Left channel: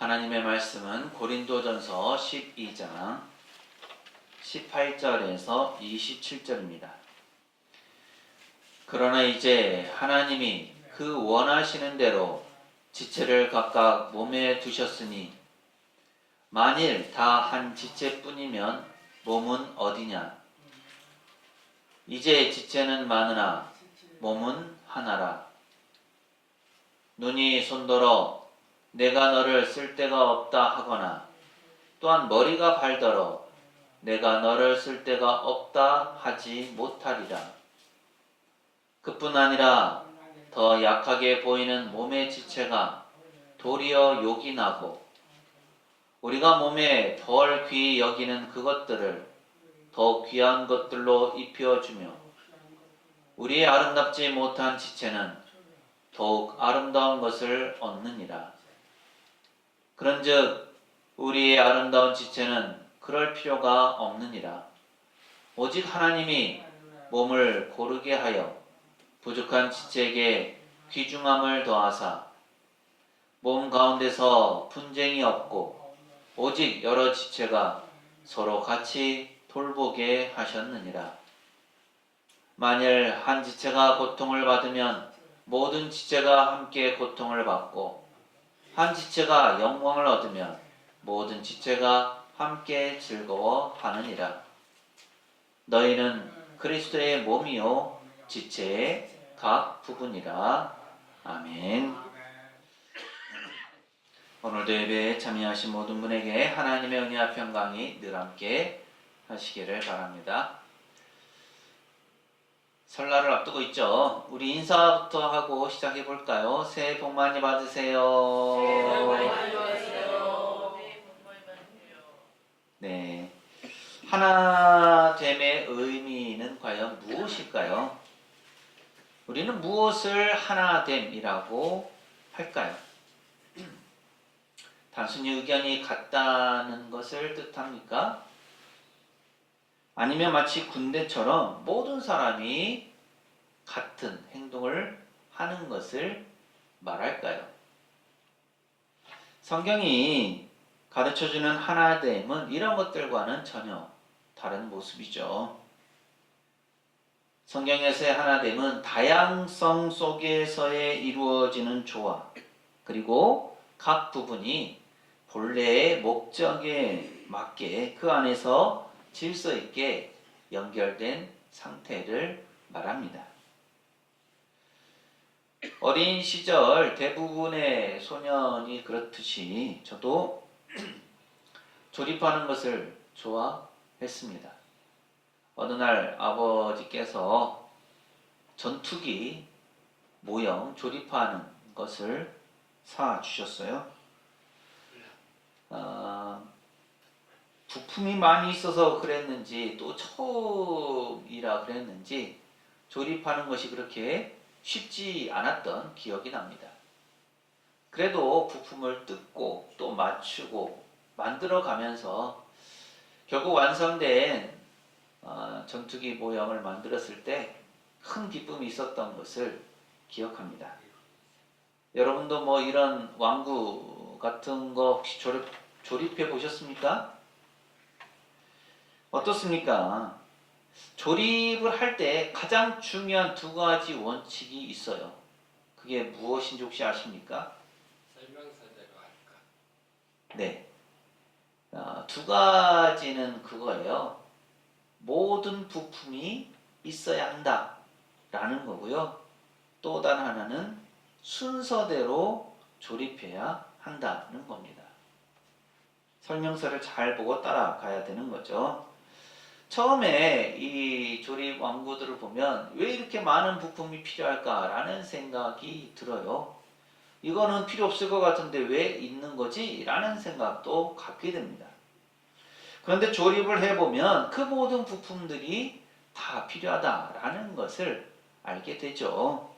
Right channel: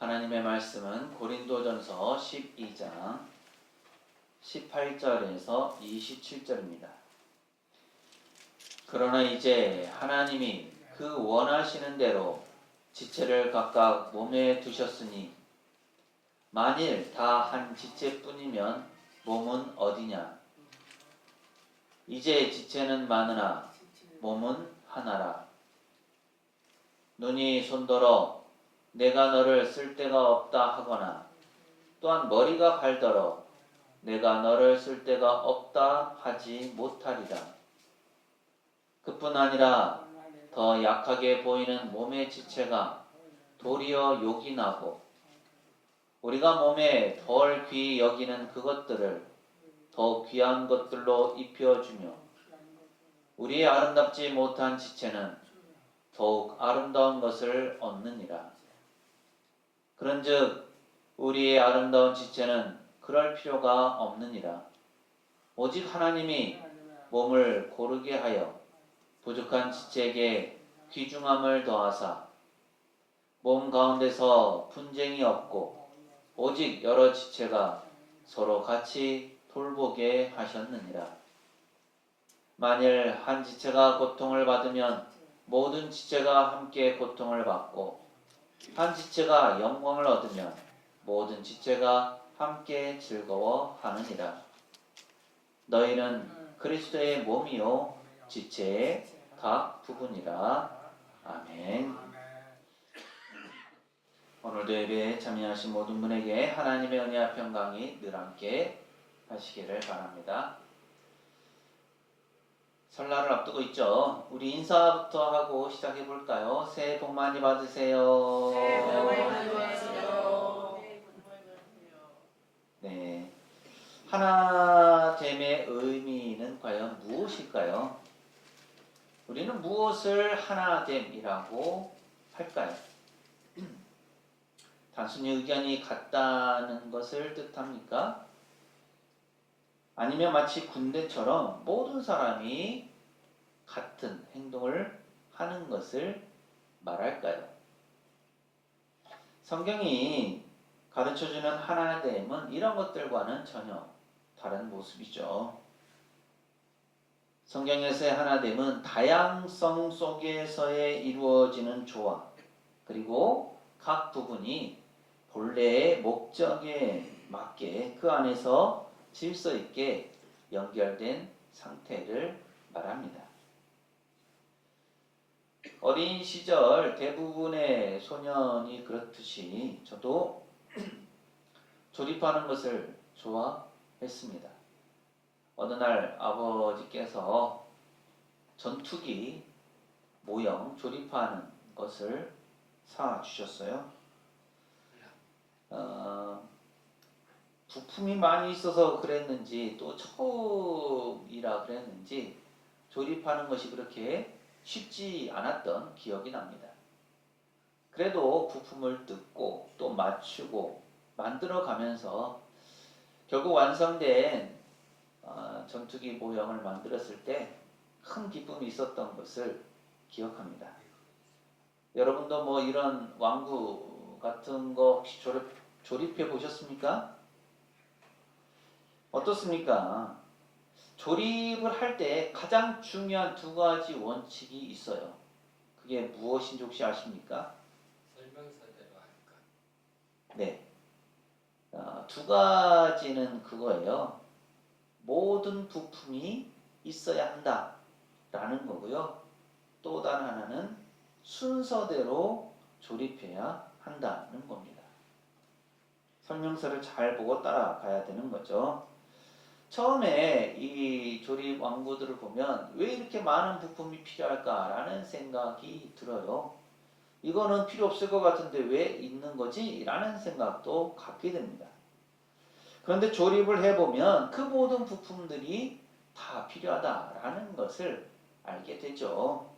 하나님의 말씀은 고린도전서 12장 18절에서 27절입니다. 그러나 이제 하나님이 그 원하시는 대로 지체를 각각 몸에 두셨으니 만일 다 한 지체뿐이면 몸은 어디냐? 이제 지체는 많으나 몸은 하나라. 눈이 손더러 내가 너를 쓸 데가 없다 하거나 또한 머리가 발더러 내가 너를 쓸 데가 없다 하지 못하리라. 그뿐 아니라 더 약하게 보이는 몸의 지체가 도리어 욕이 나고 우리가 몸에 덜 귀히 여기는 그것들을 더 귀한 것들로 입혀주며 우리의 아름답지 못한 지체는 더욱 아름다운 것을 얻느니라. 그런즉 우리의 아름다운 지체는 그럴 필요가 없느니라. 오직 하나님이 몸을 고르게 하여 부족한 지체에게 귀중함을 더하사 몸 가운데서 분쟁이 없고 오직 여러 지체가 서로 같이 돌보게 하셨느니라. 만일 한 지체가 고통을 받으면 모든 지체가 함께 고통을 받고 한 지체가 영광을 얻으면 모든 지체가 함께 즐거워하느니라. 너희는 그리스도의 몸이요 지체의 각 부분이라. 아멘. 오늘도 예배에 참여하신 모든 분에게 하나님의 은혜와 평강이 늘 함께 하시기를 바랍니다. 설날을 앞두고 있죠. 우리 인사부터 하고 시작해 볼까요? 새해 복 많이 받으세요. 새해 복 많이 받으세요. 새해 복 많이 받으세요. 네. 하나됨의 의미는 과연 무엇일까요? 우리는 무엇을 하나됨이라고 할까요? 단순히 의견이 같다는 것을 뜻합니까? 아니면 마치 군대처럼 모든 사람이 같은 행동을 하는 것을 말할까요? 성경이 가르쳐주는 하나됨은 이런 것들과는 전혀 다른 모습이죠. 성경에서의 하나됨은 다양성 속에서의 이루어지는 조화, 그리고 각 부분이 본래의 목적에 맞게 그 안에서 질서 있게 연결된 상태를 말합니다. 어린 시절 대부분의 소년이 그렇듯이 저도 조립하는 것을 좋아했습니다. 어느 날 아버지께서 전투기 모형 조립하는 것을 사주셨어요. 부품이 많이 있어서 그랬는지 또 처음이라 그랬는지 조립하는 것이 그렇게 쉽지 않았던 기억이 납니다. 그래도 부품을 뜯고 또 맞추고 만들어 가면서 결국 완성된 전투기 모형을 만들었을 때 큰 기쁨이 있었던 것을 기억합니다. 여러분도 뭐 이런 왕구 같은 거 혹시 조립해 보셨습니까? 어떻습니까? 조립을 할 때 가장 중요한 두 가지 원칙이 있어요. 그게 무엇인지 혹시 아십니까? 설명서대로 할까? 네. 두 가지는 그거예요. 모든 부품이 있어야 한다라는 거고요. 또 다른 하나는 순서대로 조립해야 한다는 겁니다. 설명서를 잘 보고 따라가야 되는 거죠. 처음에 이 조립 왕구들을 보면 왜 이렇게 많은 부품이 필요할까라는 생각이 들어요. 이거는 필요 없을 것 같은데 왜 있는 거지? 라는 생각도 갖게 됩니다. 그런데 조립을 해보면 그 모든 부품들이 다 필요하다라는 것을 알게 되죠.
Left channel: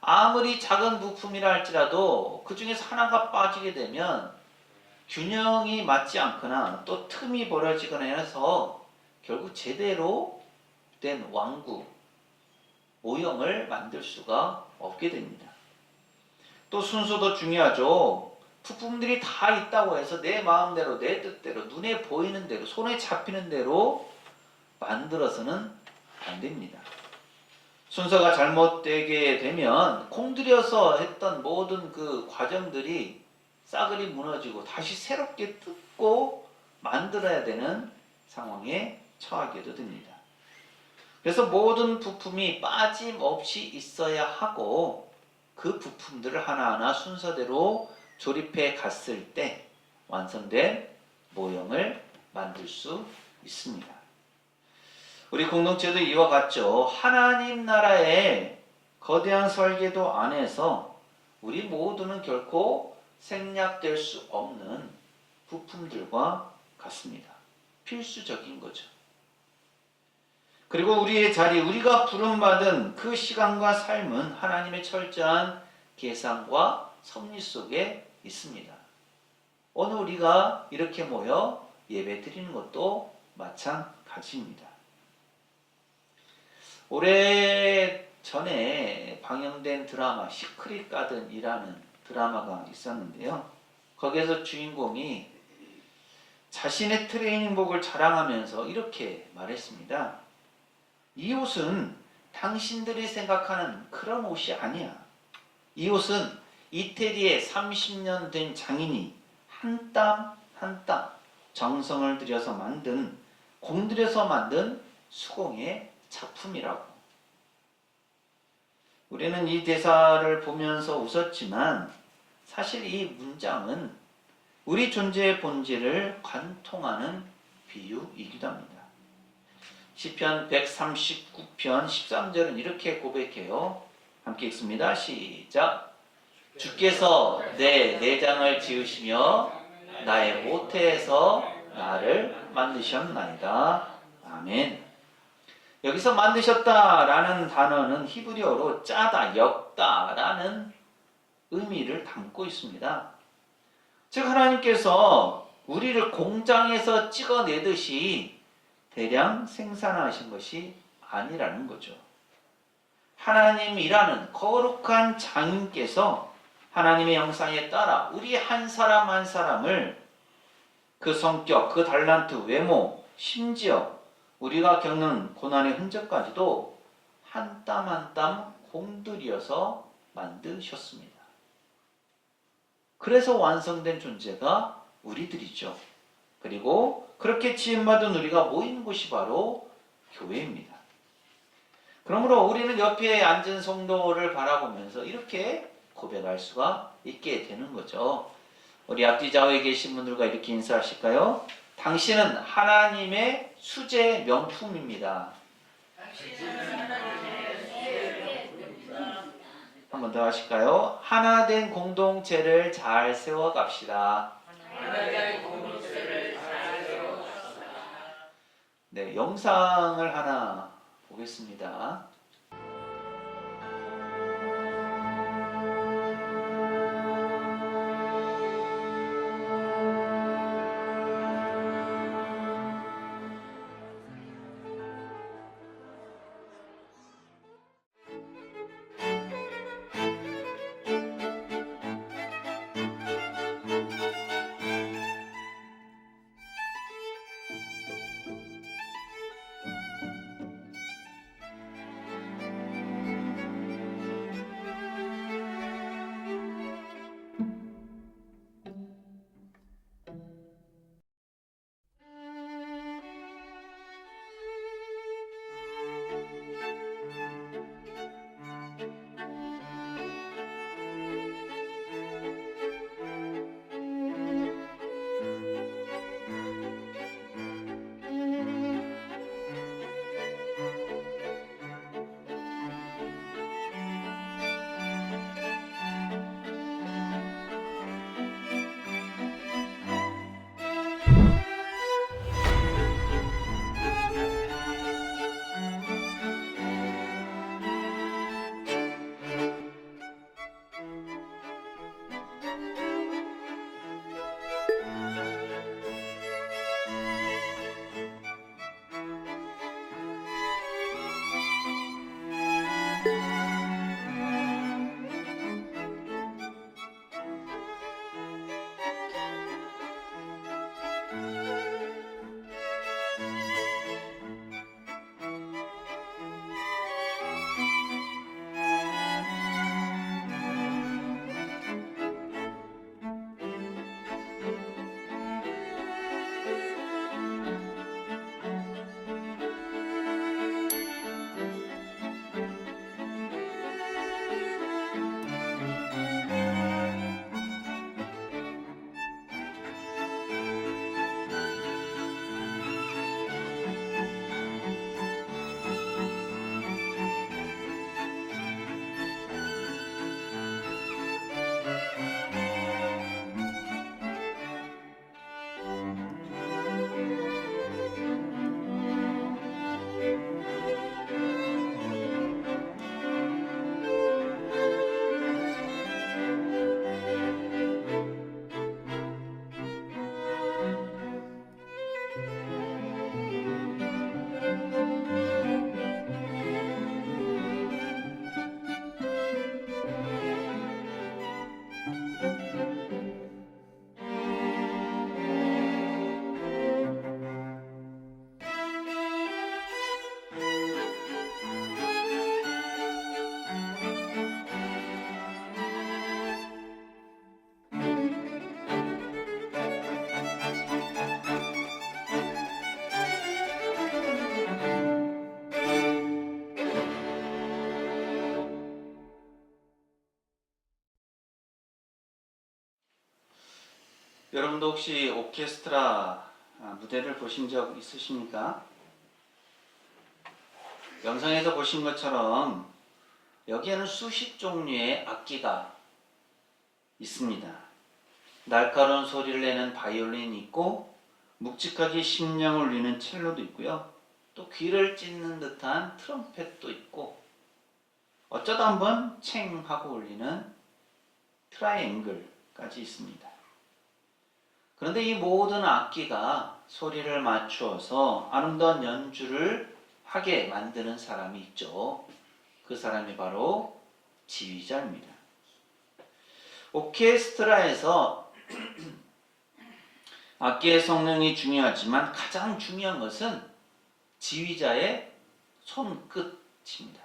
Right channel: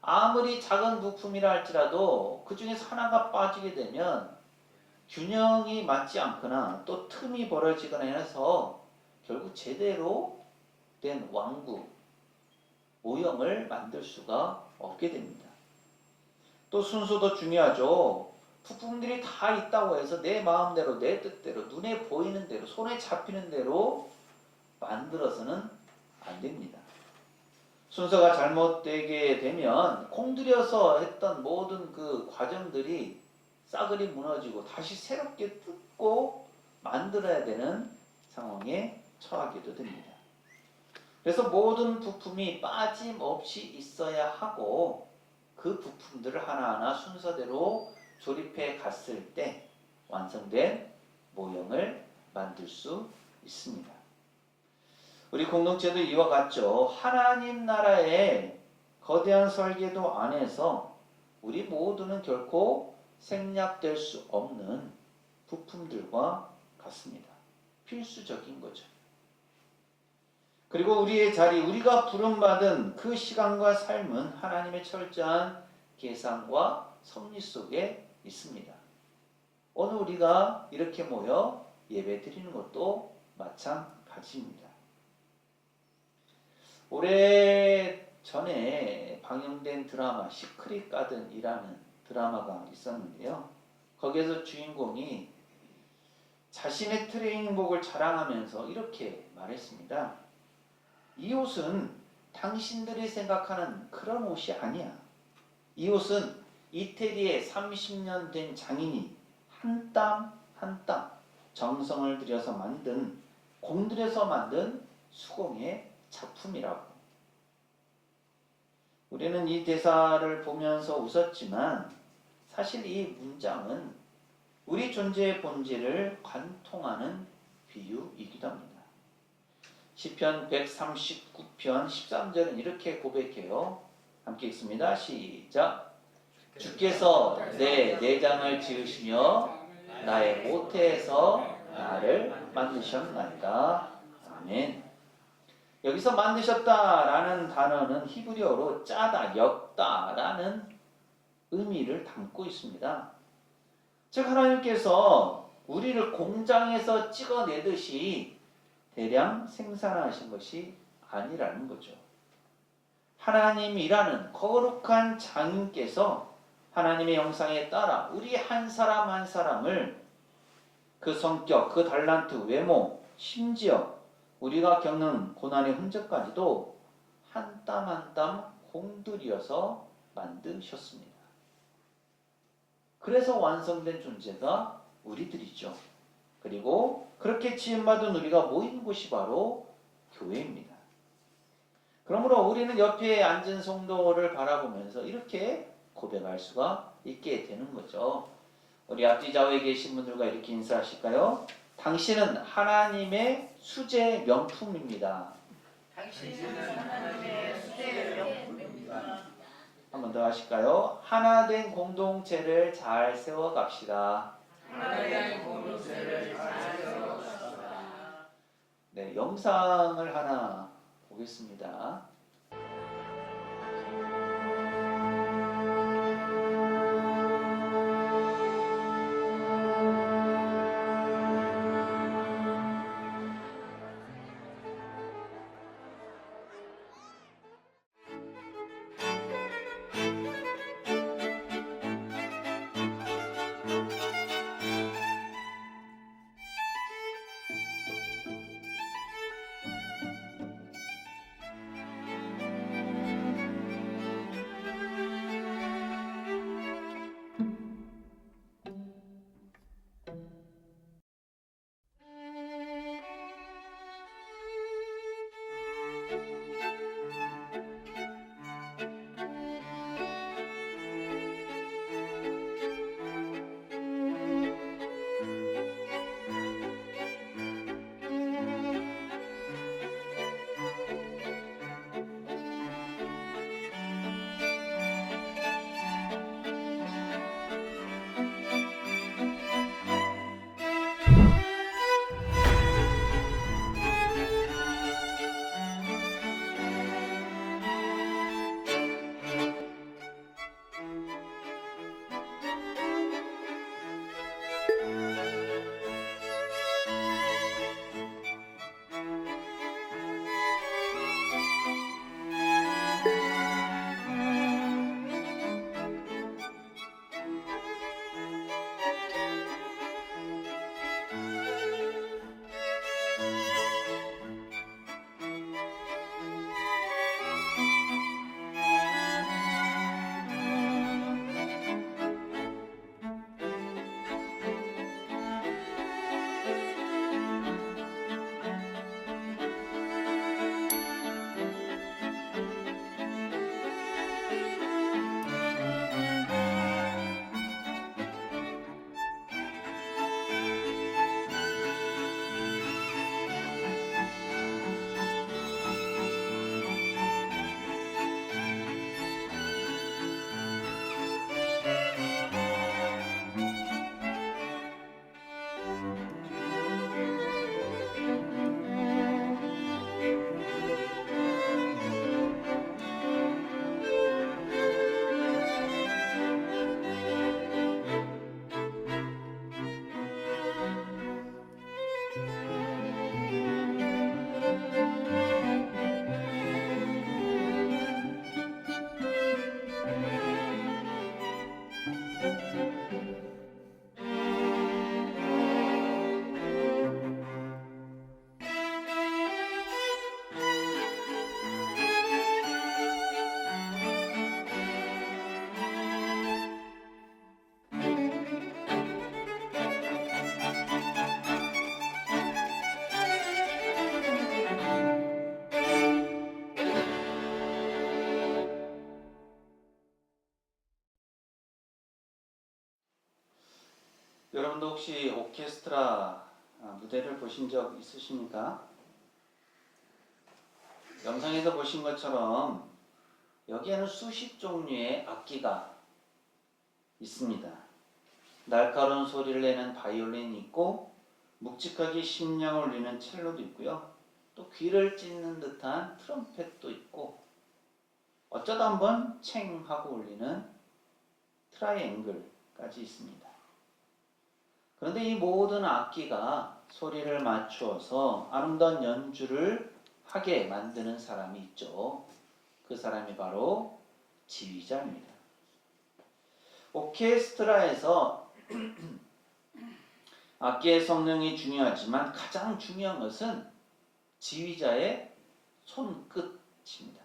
아무리 작은 부품이라 할지라도 그 중에서 하나가 빠지게 되면 균형이 맞지 않거나 또 틈이 벌어지거나 해서 결국 제대로 된 왕구, 모형을 만들 수가 없게 됩니다. 또 순서도 중요하죠. 부품들이 다 있다고 해서 내 마음대로 내 뜻대로 눈에 보이는 대로 손에 잡히는 대로 만들어서는 안 됩니다. 순서가 잘못되게 되면 공들여서 했던 모든 그 과정들이 싸그리 무너지고 다시 새롭게 뜯고 만들어야 되는 상황에 처하게도 됩니다. 그래서 모든 부품이 빠짐없이 있어야 하고 그 부품들을 하나하나 순서대로 조립해 갔을 때 완성된 모형을 만들 수 있습니다. 우리 공동체도 이와 같죠. 하나님 나라의 거대한 설계도 안에서 우리 모두는 결코 생략될 수 없는 부품들과 같습니다. 필수적인 거죠. 그리고 우리의 자리, 우리가 부름받은 그 시간과 삶은 하나님의 철저한 계산과 섭리 속에 있습니다. 오늘 우리가 이렇게 모여 예배 드리는 것도 마찬가지입니다. 오래전에 방영된 드라마 시크릿 가든이라는 드라마가 있었는데요. 거기에서 주인공이 자신의 트레이닝복을 자랑하면서 이렇게 말했습니다. 이 옷은 당신들이 생각하는 그런 옷이 아니야. 이 옷은 이태리에 30년 된 장인이 한 땀 한 땀 정성을 들여서 만든, 공들여서 만든 수공의 작품이라고. 우리는 이 대사를 보면서 웃었지만 사실 이 문장은 우리 존재의 본질을 관통하는 비유이기도 합니다. 시편 139편 13절은 이렇게 고백해요. 함께 읽습니다. 시작. 주께서 내 내장을 지으시며 나의 모태에서 나를 만드셨나이다. 아멘. 여기서 만드셨다라는 단어는 히브리어로 짜다, 엮다라는 의미를 담고 있습니다. 즉 하나님께서 우리를 공장에서 찍어내듯이 대량 생산하신 것이 아니라는 거죠. 하나님이라는 거룩한 장인께서 하나님의 형상에 따라 우리 한 사람 한 사람을 그 성격, 그 달란트, 외모, 심지어 우리가 겪는 고난의 흔적까지도 한 땀 한 땀 공들여서 만드셨습니다. 그래서 완성된 존재가 우리들이죠. 그리고 그렇게 지음받은 우리가 모이는 곳이 바로 교회입니다. 그러므로 우리는 옆에 앉은 성도를 바라보면서 이렇게 고백할 수가 있게 되는 거죠. 우리 앞뒤 좌우에 계신 분들과 이렇게 인사하실까요? 당신은 하나님의 수제 명품입니다. 당신은 하나님의 수제 명품입니다. 한 번 더 하실까요? 하나된 공동체를 잘 세워갑시다. 하나님의 공동체를 잘 세워갑시다. 네, 영상을 하나 보겠습니다. 여러분도 혹시 오케스트라 무대를 보신 적 있으십니까? 영상에서 보신 것처럼 여기에는 수십 종류의 악기가 있습니다. 날카로운 소리를 내는 바이올린이 있고 묵직하게 심령을 울리는 첼로도 있고요. 또 귀를 찢는 듯한 트럼펫도 있고 어쩌다 한번 챙 하고 울리는 트라이앵글까지 있습니다. 그런데 이 모든 악기가 소리를 맞추어서 아름다운 연주를 하게 만드는 사람이 있죠. 그 사람이 바로 지휘자입니다. 오케스트라에서 악기의 성능이 중요하지만 가장 중요한 것은 지휘자의 손끝입니다.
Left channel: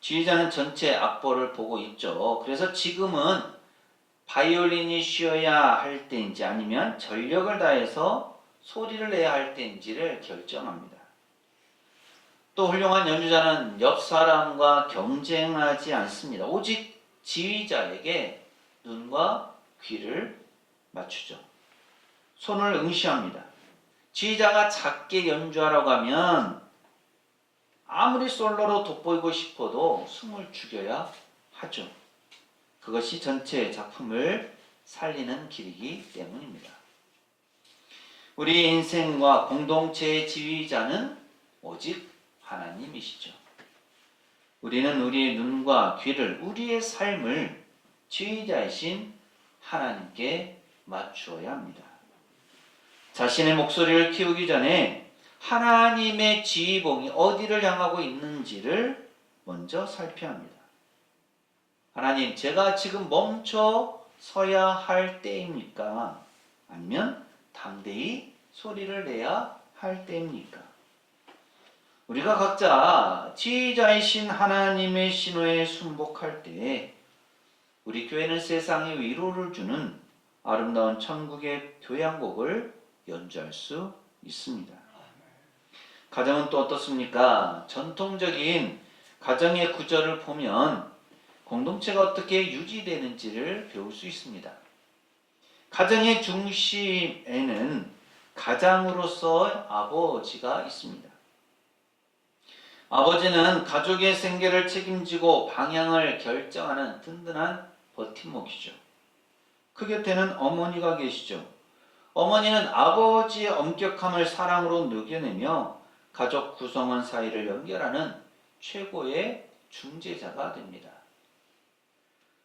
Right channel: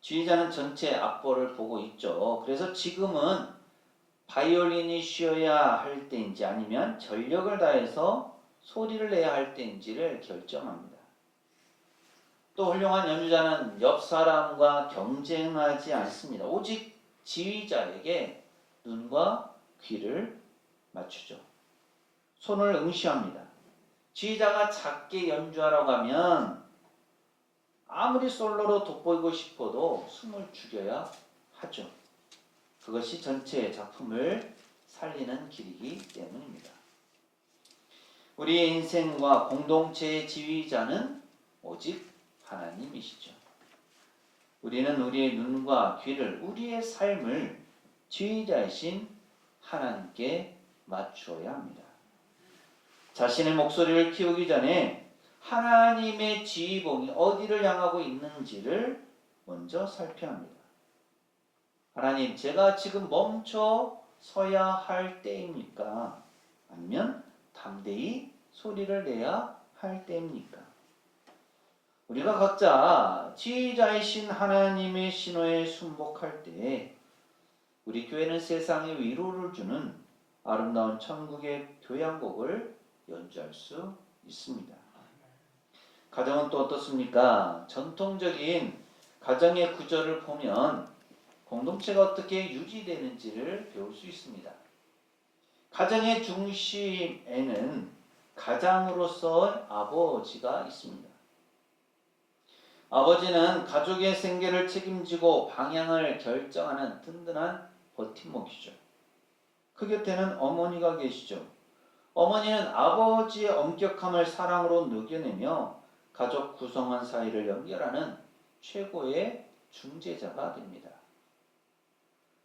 지휘자는 전체 악보를 보고 있죠. 그래서 지금은 바이올린이 쉬어야 할 때인지 아니면 전력을 다해서 소리를 내야 할 때인지를 결정합니다. 또 훌륭한 연주자는 옆 사람과 경쟁하지 않습니다. 오직 지휘자에게 눈과 귀를 맞추죠. 손을 응시합니다. 지휘자가 작게 연주하라고 하면 아무리 솔로로 돋보이고 싶어도 숨을 죽여야 하죠. 그것이 전체 작품을 살리는 길이기 때문입니다. 우리의 인생과 공동체의 지휘자는 오직 하나님이시죠. 우리는 우리의 눈과 귀를, 우리의 삶을 지휘자이신 하나님께 맞추어야 합니다. 자신의 목소리를 키우기 전에 하나님의 지휘봉이 어디를 향하고 있는지를 먼저 살펴야 합니다. 하나님, 제가 지금 멈춰 서야 할 때입니까? 아니면 담대히 소리를 내야 할 때입니까? 우리가 각자 지휘자이신 하나님의 신호에 순복할 때 우리 교회는 세상에 위로를 주는 아름다운 천국의 교향곡을 연주할 수 있습니다. 가정은 또 어떻습니까? 전통적인 가정의 구조를 보면 공동체가 어떻게 유지되는지를 배울 수 있습니다. 가정의 중심에는 가장으로서 아버지가 있습니다. 아버지는 가족의 생계를 책임지고 방향을 결정하는 든든한 버팀목이죠. 그 곁에는 어머니가 계시죠. 어머니는 아버지의 엄격함을 사랑으로 녹여내며 가족 구성원 사이를 연결하는 최고의 중재자가 됩니다.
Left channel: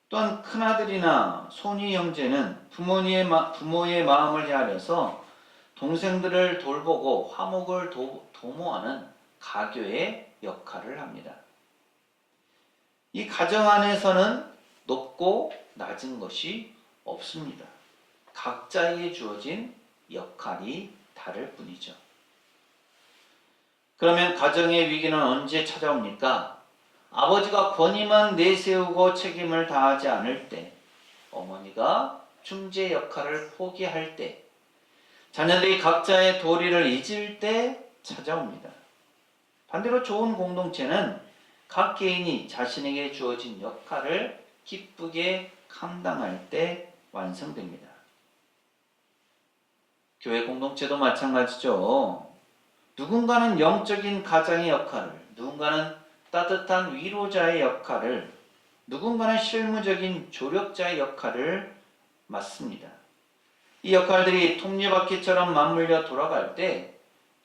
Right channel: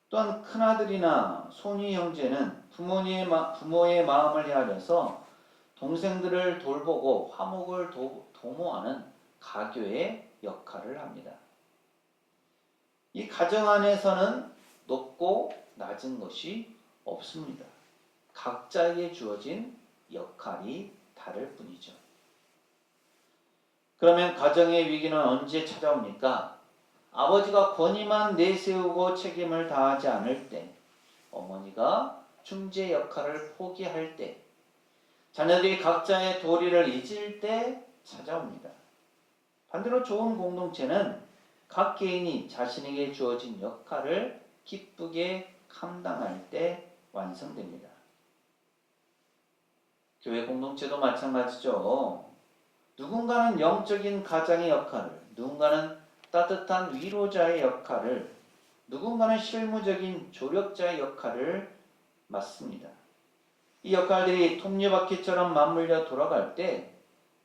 또한 큰아들이나 손위 형제는 부모의 마음을 헤아려서 동생들을 돌보고 화목을 도모하는 가교의 역할을 합니다. 이 가정 안에서는 높고 낮은 것이 없습니다. 각자에게 주어진 역할이 다를 뿐이죠. 그러면 가정의 위기는 언제 찾아옵니까? 아버지가 권위만 내세우고 책임을 다하지 않을 때, 어머니가 중재 역할을 포기할 때, 자녀들이 각자의 도리를 잊을 때 찾아옵니다. 반대로 좋은 공동체는 각 개인이 자신에게 주어진 역할을 기쁘게 감당할 때 완성됩니다. 교회 공동체도 마찬가지죠. 누군가는 영적인 가장의 역할을, 누군가는 따뜻한 위로자의 역할을, 누군가는 실무적인 조력자의 역할을 맡습니다. 이 역할들이 톱니바퀴처럼 맞물려 돌아갈 때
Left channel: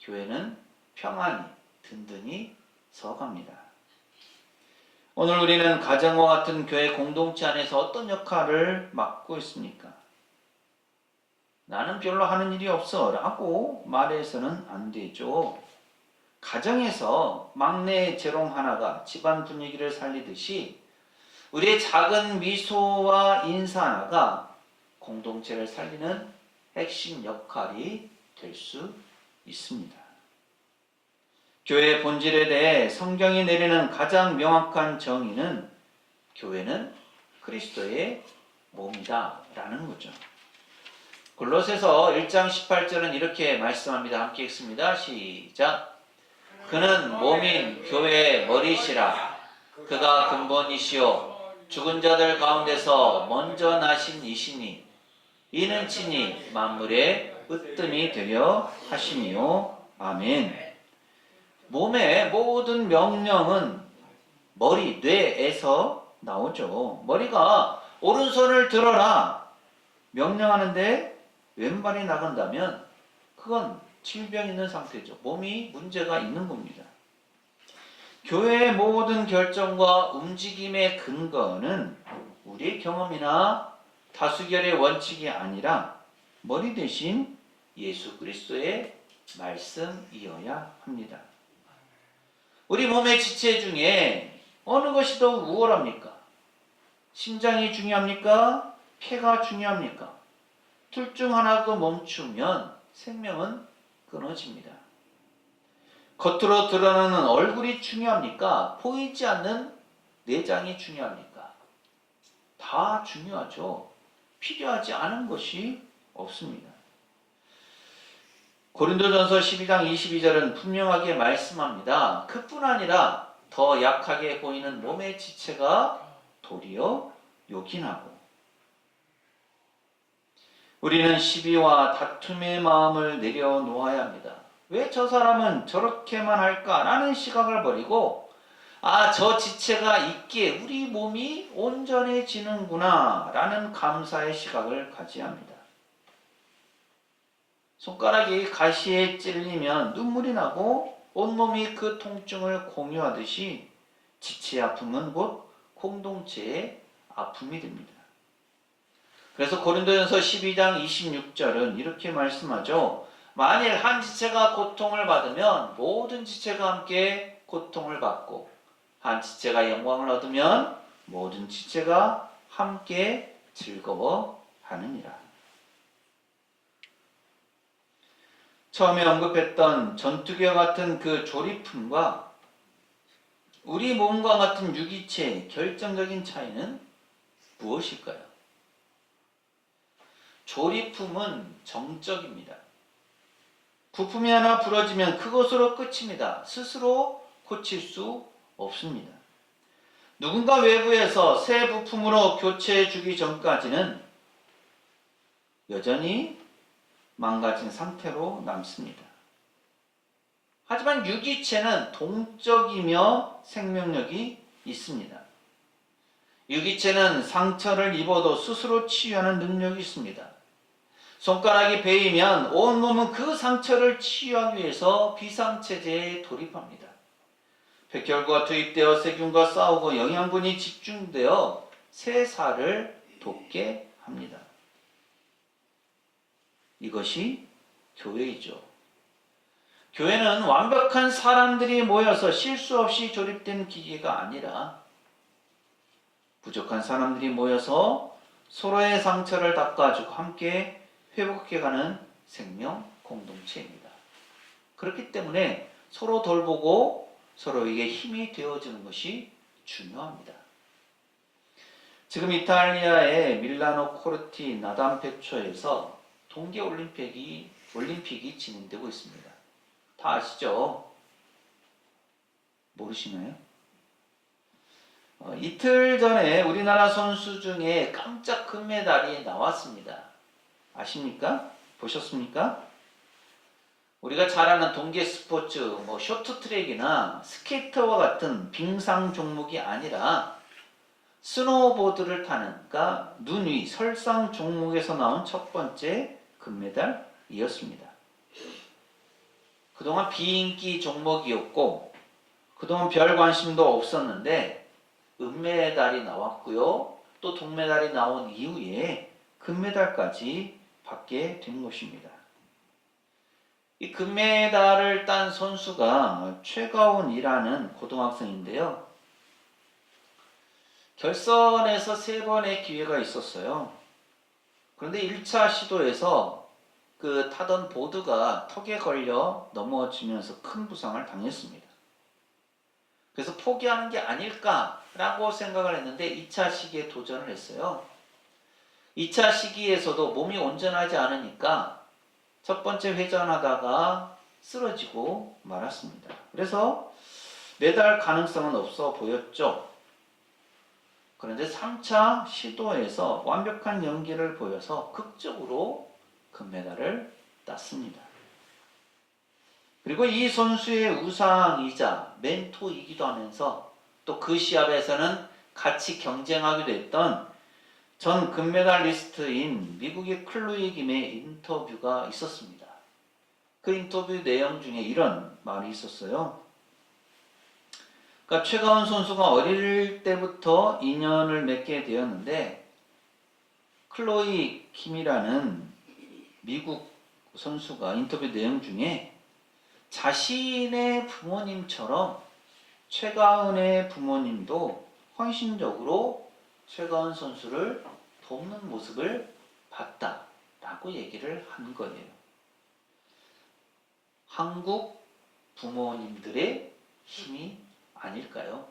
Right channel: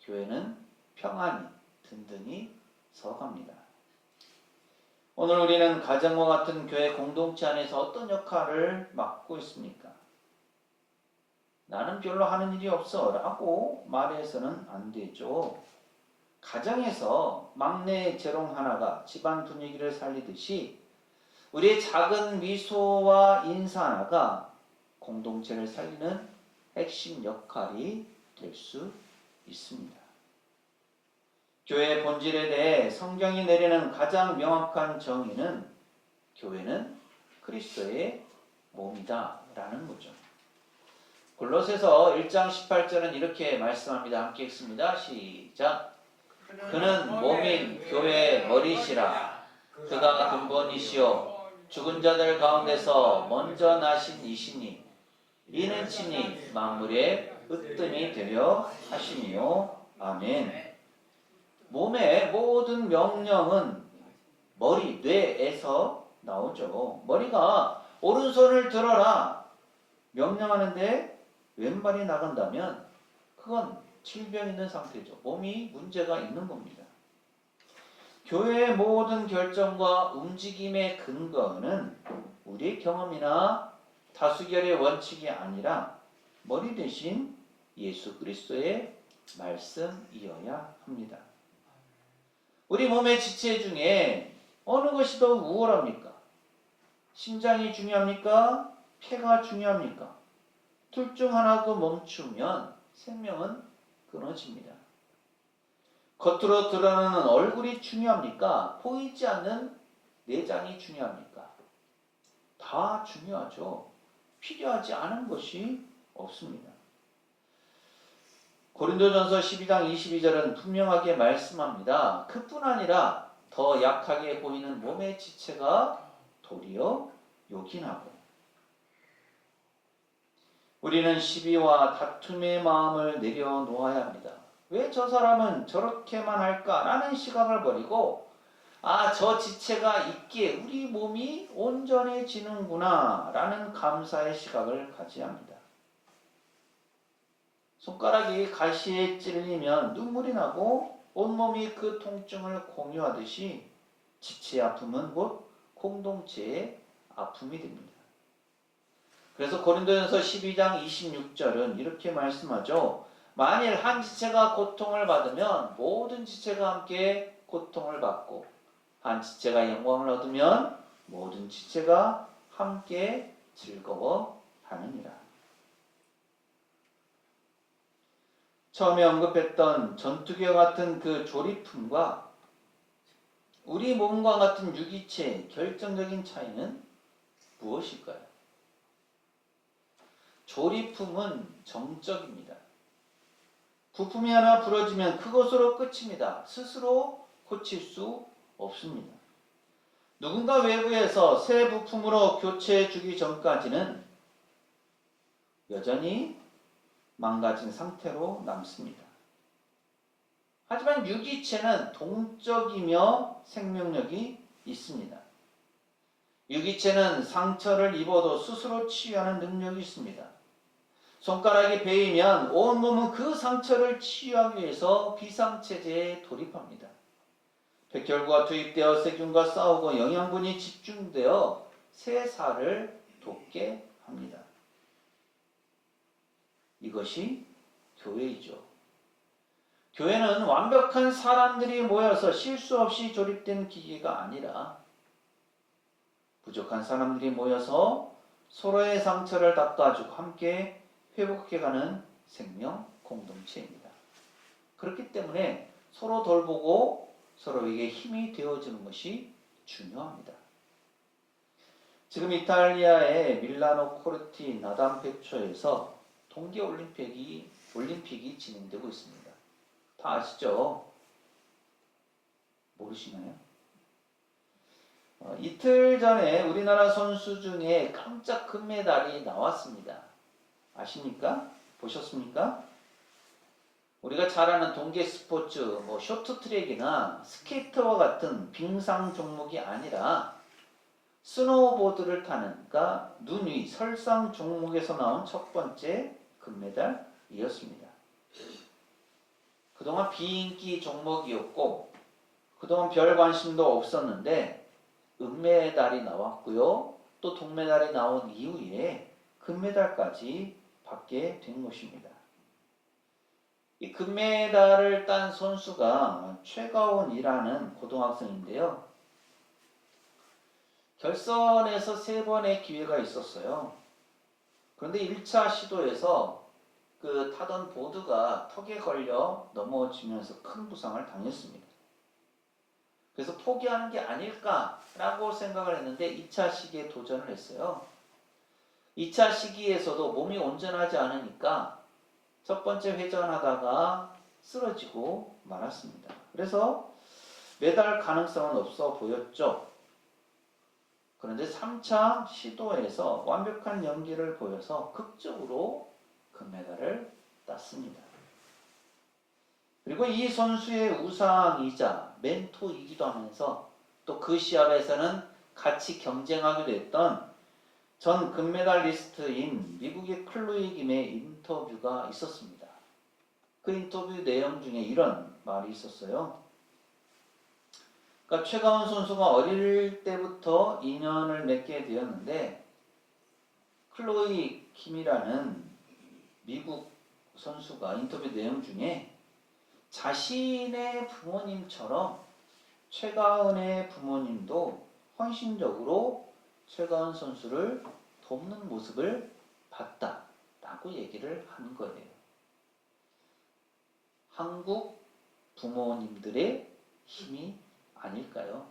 교회는 평안히 든든히 서갑니다. 오늘 우리는 가정과 같은 교회 공동체 안에서 어떤 역할을 맡고 있습니까? 나는 별로 하는 일이 없어 라고 말해서는 안 되죠. 가정에서 막내 재롱 하나가 집안 분위기를 살리듯이 우리의 작은 미소와 인사 하나가 공동체를 살리는 핵심 역할이 될 수 있습니다. 교회의 본질에 대해 성경이 내리는 가장 명확한 정의는 교회는 그리스도의 몸이다 라는 거죠. 골로새서 1장 18절은 이렇게 말씀합니다. 함께 읽습니다. 시작. 그는 몸인 교회의 머리시라. 그가 근본이시요 죽은 자들 가운데서 먼저 나신 이시니 이는 친히 만물의 으뜸이 되려 하심이요. 아멘. 몸의 모든 명령은 머리, 뇌에서 나오죠. 머리가 오른손을 들어라 명령하는데 왼발이 나간다면 그건 질병 있는 상태죠. 몸이 문제가 있는 겁니다. 교회의 모든 결정과 움직임의 근거는 우리의 경험이나 다수결의 원칙이 아니라 머리 대신 예수 그리스도의 말씀이어야 합니다. 우리 몸의 지체 중에 어느 것이 더 우월합니까? 심장이 중요합니까? 폐가 중요합니까? 둘 중 하나가 멈추면 생명은 끊어집니다. 겉으로 드러나는 얼굴이 중요합니까? 보이지 않는 내장이 중요합니까? 다 중요하죠. 필요하지 않은 것이 없습니다. 고린도전서 12장 22절은 분명하게 말씀합니다. 그뿐 아니라 더 약하게 보이는 몸의 지체가 도리어 요긴하고, 우리는 시비와 다툼의 마음을 내려놓아야 합니다. 왜 저 사람은 저렇게만 할까? 라는 시각을 버리고 저 지체가 있기에 우리 몸이 온전해지는구나 라는 감사의 시각을 가져야 합니다. 손가락이 가시에 찔리면 눈물이 나고 온몸이 그 통증을 공유하듯이 지체의 아픔은 곧 공동체의 아픔이 됩니다. 그래서 고린도전서 12장 26절은 이렇게 말씀하죠. 만일 한 지체가 고통을 받으면 모든 지체가 함께 고통을 받고, 한 지체가 영광을 얻으면 모든 지체가 함께 즐거워하느니라. 처음에 언급했던 전투기와 같은 그 조리품과 우리 몸과 같은 유기체의 결정적인 차이는 무엇일까요? 조리품은 정적입니다. 부품이 하나 부러지면 그것으로 끝입니다. 스스로 고칠 수 없습니다. 누군가 외부에서 새 부품으로 교체해 주기 전까지는 여전히 망가진 상태로 남습니다. 하지만 유기체는 동적이며 생명력이 있습니다. 유기체는 상처를 입어도 스스로 치유하는 능력이 있습니다. 손가락이 베이면 온몸은 그 상처를 치유하기 위해서 비상체제에 돌입합니다. 백혈구가 투입되어 세균과 싸우고 영양분이 집중되어 새 살을 돋게 합니다. 이것이 교회이죠. 교회는 완벽한 사람들이 모여서 실수 없이 조립된 기계가 아니라 부족한 사람들이 모여서 서로의 상처를 닦아주고 함께 회복해가는 생명 공동체입니다. 그렇기 때문에 서로 돌보고 서로에게 힘이 되어주는 것이 중요합니다. 지금 이탈리아의 밀라노 코르티 나담페초에서 동계올림픽이 진행되고 있습니다. 다 아시죠? 모르시나요? 이틀 전에 우리나라 선수 중에 깜짝 금메달이 나왔습니다. 아십니까? 보셨습니까? 우리가 잘 아는 동계 스포츠, 쇼트트랙이나 스케이트와 같은 빙상 종목이 아니라 스노우보드를 타는, 그러니까 눈 위 설상 종목에서 나온 첫 번째 금메달이었습니다. 그동안 비인기 종목이었고 그동안 별 관심도 없었는데 은메달이 나왔고요. 또 동메달이 나온 이후에 금메달까지 받게 된 것입니다. 이 금메달을 딴 선수가 최가훈이라는 고등학생인데요. 결선에서 3번의 기회가 있었어요. 그런데 1차 시도에서 그 타던 보드가 턱에 걸려 넘어지면서 큰 부상을 당했습니다. 그래서 포기하는 게 아닐까라고 생각을 했는데 2차 시기에 도전을 했어요. 2차 시기에서도 몸이 온전하지 않으니까 첫 번째 회전하다가 쓰러지고 말았습니다. 그래서 메달 가능성은 없어 보였죠. 그런데 3차 시도에서 완벽한 연기를 보여서 극적으로 금메달을 땄습니다. 그리고 이 선수의 우상이자 멘토이기도 하면서 또 그 시합에서는 같이 경쟁하기도 했던 전 금메달리스트인 미국의 클로이 김의 인터뷰가 있었습니다. 그 인터뷰 내용 중에 이런 말이 있었어요. 그러니까 최가운 선수가 어릴 때부터 인연을 맺게 되었는데 클로이 킴이라는 미국 선수가 인터뷰 내용 중에 자신의 부모님처럼 최가은의 부모님도 헌신적으로 최가은 선수를 돕는 모습을 봤다라고 얘기를 한 거예요. 한국 부모님들의 힘이 아닐까요?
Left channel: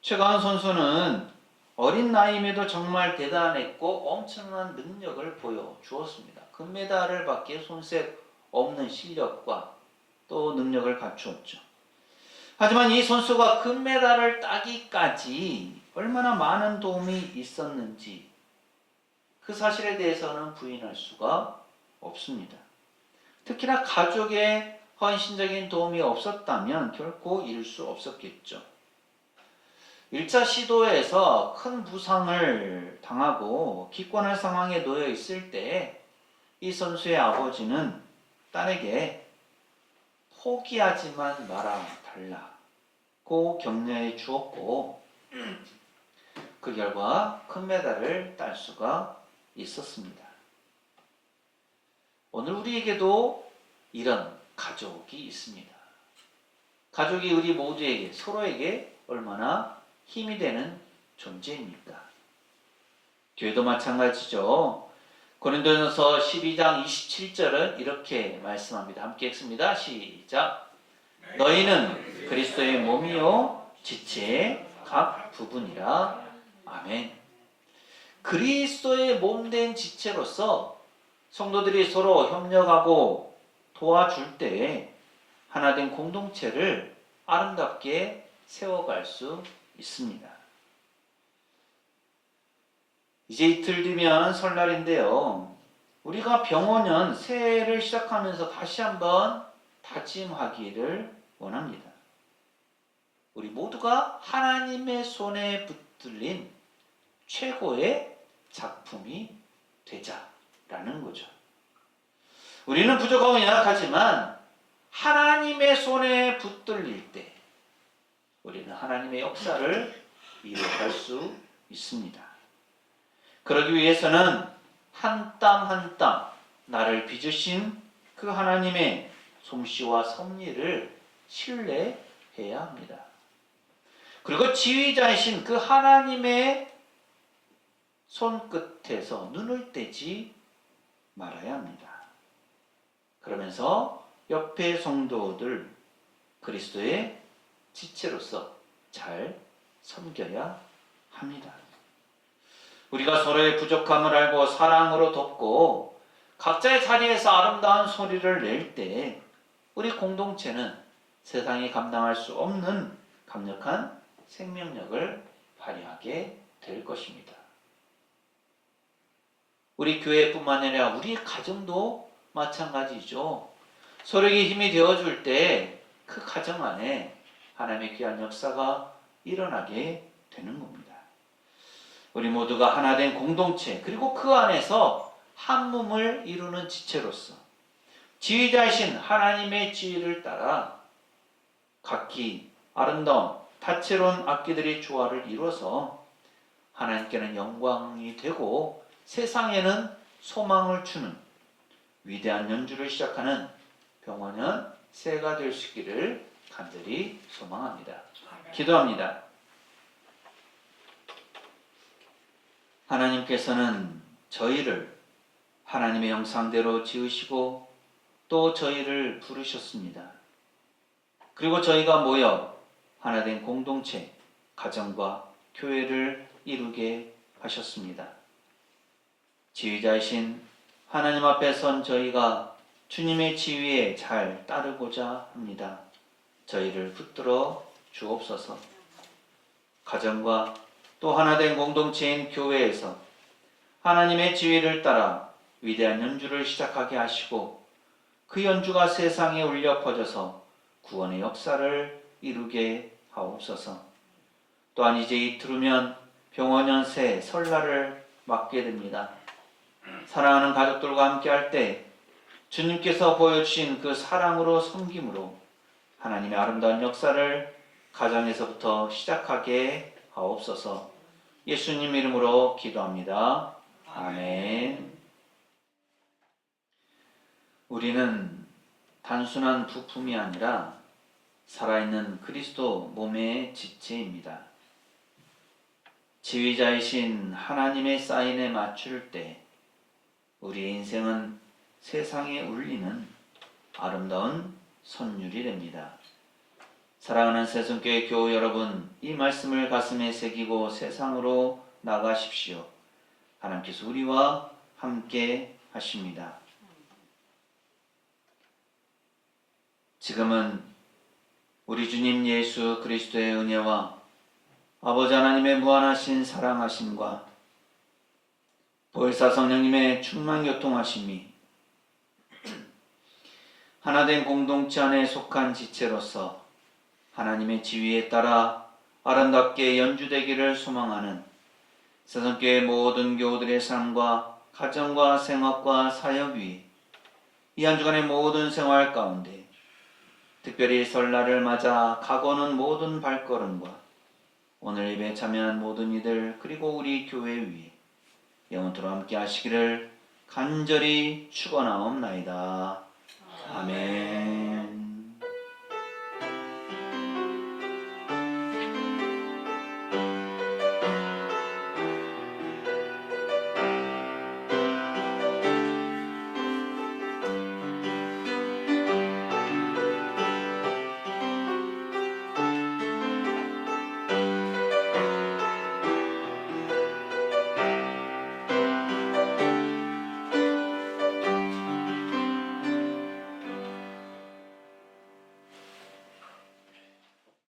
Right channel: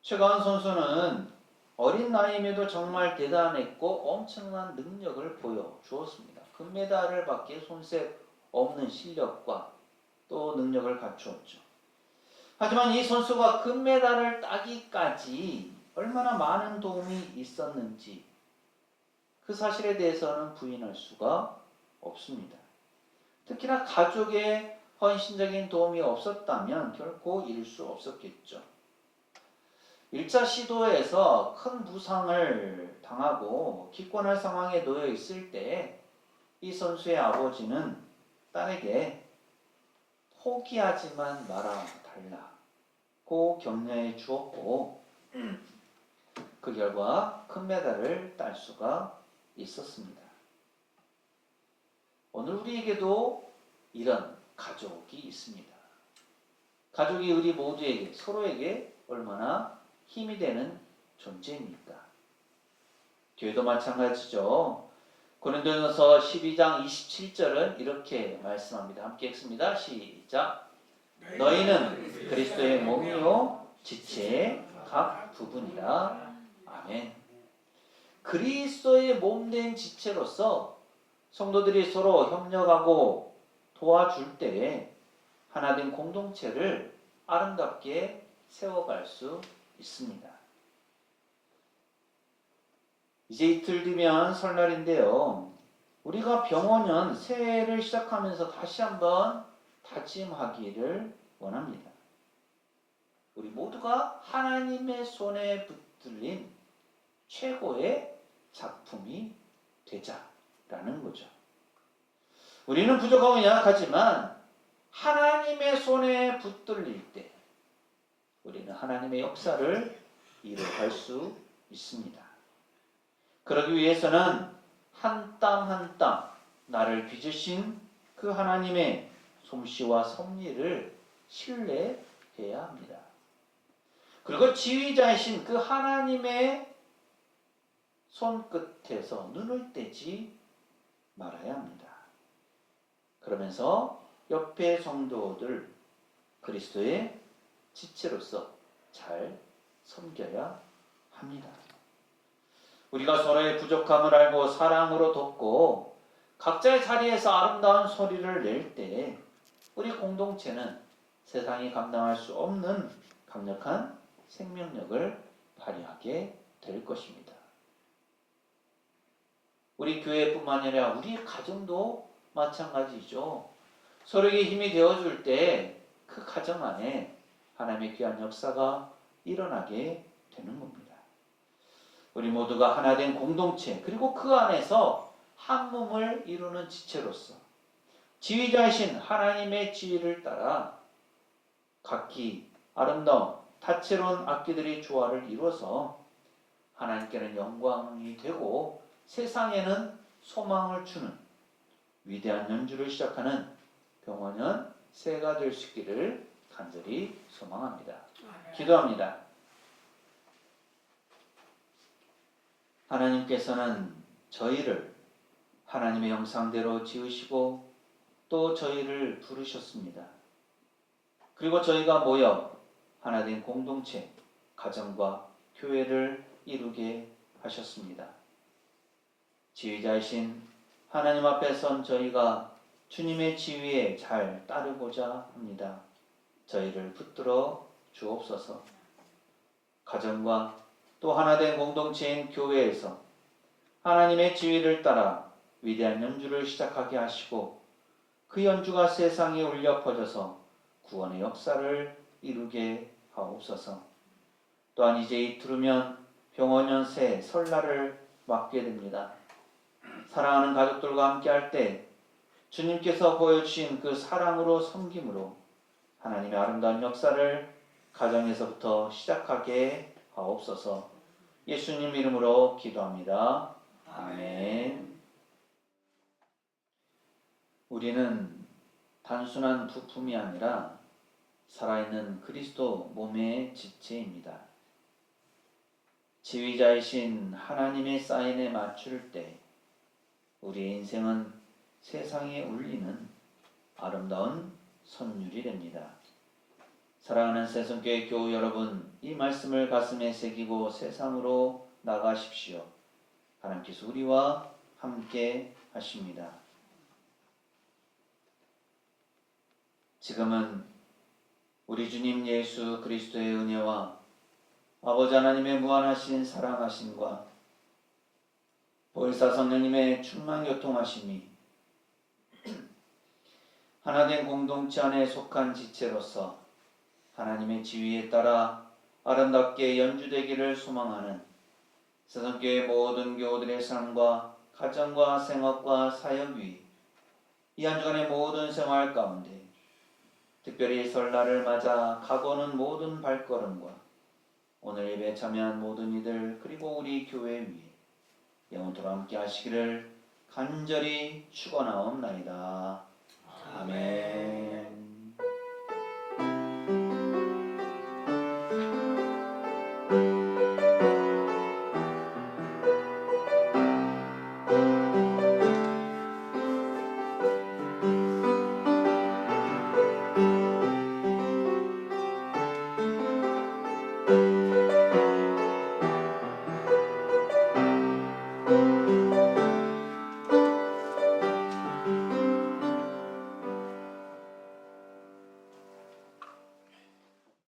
최가은 선수는 어린 나이임에도 정말 대단했고 엄청난 능력을 보여주었습니다. 금메달을 받기에 손색 없는 실력과 또 능력을 갖추었죠. 하지만 이 선수가 금메달을 따기까지 얼마나 많은 도움이 있었는지 그 사실에 대해서는 부인할 수가 없습니다. 특히나 가족의 헌신적인 도움이 없었다면 결코 이룰 수 없었겠죠. 1차 시도에서 큰 부상을 당하고 기권할 상황에 놓여 있을 때 이 선수의 아버지는 딸에게 포기하지만 말아 달라고 격려해 주었고 그 결과 금메달을 딸 수가 있었습니다. 오늘 우리에게도 이런 가족이 있습니다. 가족이 우리 모두에게 서로에게 얼마나 힘이 되는 존재입니까? 교회도 마찬가지죠. 고린도전서 12장 27절은 이렇게 말씀합니다. 함께 읽습니다. 시작. 너희는 그리스도의 몸이요 지체의 각 부분이라. 아멘. 그리스도의 몸된 지체로서 성도들이 서로 협력하고 도와줄 때에 하나된 공동체를 아름답게 세워갈 수 있습니다. 이제 이틀 뒤면 설날인데요. 우리가 병원년 새해를 시작하면서 다시 한번 다짐하기를 원합니다. 우리 모두가 하나님의 손에 붙들린 최고의 작품이 되자라는 거죠. 우리는 부족하고 연약하지만 하나님의 손에 붙들릴 때 우리는 하나님의 역사를 이루어갈 수 있습니다. 그러기 위해서는 한 땀 한 땀 나를 빚으신 그 하나님의 솜씨와 섭리를 신뢰해야 합니다. 그리고 지휘자이신 그 하나님의 손끝에서 눈을 떼지 말아야 합니다. 그러면서 옆에 성도들 그리스도의 지체로서 잘 섬겨야 합니다. 우리가 서로의 부족함을 알고 사랑으로 돕고 각자의 자리에서 아름다운 소리를 낼 때 우리 공동체는 세상이 감당할 수 없는 강력한 생명력을 발휘하게 될 것입니다. 우리 교회뿐만 아니라 우리 가정도 마찬가지죠. 서로에게 힘이 되어줄 때 그 가정 안에 하나님의 귀한 역사가 일어나게 되는 겁니다. 우리 모두가 하나된 공동체 그리고 그 안에서 한 몸을 이루는 지체로서 지휘자이신 하나님의 지휘를 따라 각기 아름다운 다채로운 악기들의 조화를 이루어서 하나님께는 영광이 되고 세상에는 소망을 주는 위대한 연주를 시작하는 병원년 새해가 될 수 있기를 간절히 소망합니다. 기도합니다. 하나님께서는 저희를 하나님의 형상대로 지으시고 또 저희를 부르셨습니다. 그리고 저희가 모여 하나된 공동체, 가정과 교회를 이루게 하셨습니다. 지휘자이신 하나님 앞에 선 저희가 주님의 지위에 잘 따르고자 합니다. 저희를 붙들어 주옵소서. 가정과 또 하나된 공동체인 교회에서 하나님의 지위를 따라 위대한 연주를 시작하게 하시고 그 연주가 세상에 울려 퍼져서 구원의 역사를 이루게 하옵소서. 또한 이제 이틀 후면 병원연세 설날을 맞게 됩니다. 사랑하는 가족들과 함께 할 때 주님께서 보여주신 그 사랑으로 섬김으로 하나님의 아름다운 역사를 가정에서부터 시작하게 하옵소서. 예수님 이름으로 기도합니다. 아멘. 우리는 단순한 부품이 아니라 살아있는 그리스도 몸의 지체입니다. 지휘자이신 하나님의 사인에 맞출 때 우리의 인생은 세상에 울리는 아름다운 선율이 됩니다. 사랑하는 새송교회 교우 여러분, 이 말씀을 가슴에 새기고 세상으로 나가십시오. 하나님께서 우리와 함께 하십니다. 지금은 우리 주님 예수 그리스도의 은혜와 아버지 하나님의 무한하신 사랑하심과 보혜사 성령님의 충만 교통하심이 하나된 공동체 안에 속한 지체로서 하나님의 지위에 따라 아름답게 연주되기를 소망하는 새송교회 모든 교우들의 삶과 가정과 생업과 사역 위에 이 한 주간의 모든 생활 가운데 특별히 설날을 맞아 가고는 모든 발걸음과 오늘 예배에 참여한 모든 이들 그리고 우리 교회 위에 영원토록 함께 하시기를 간절히 축원하옵나이다. 아멘.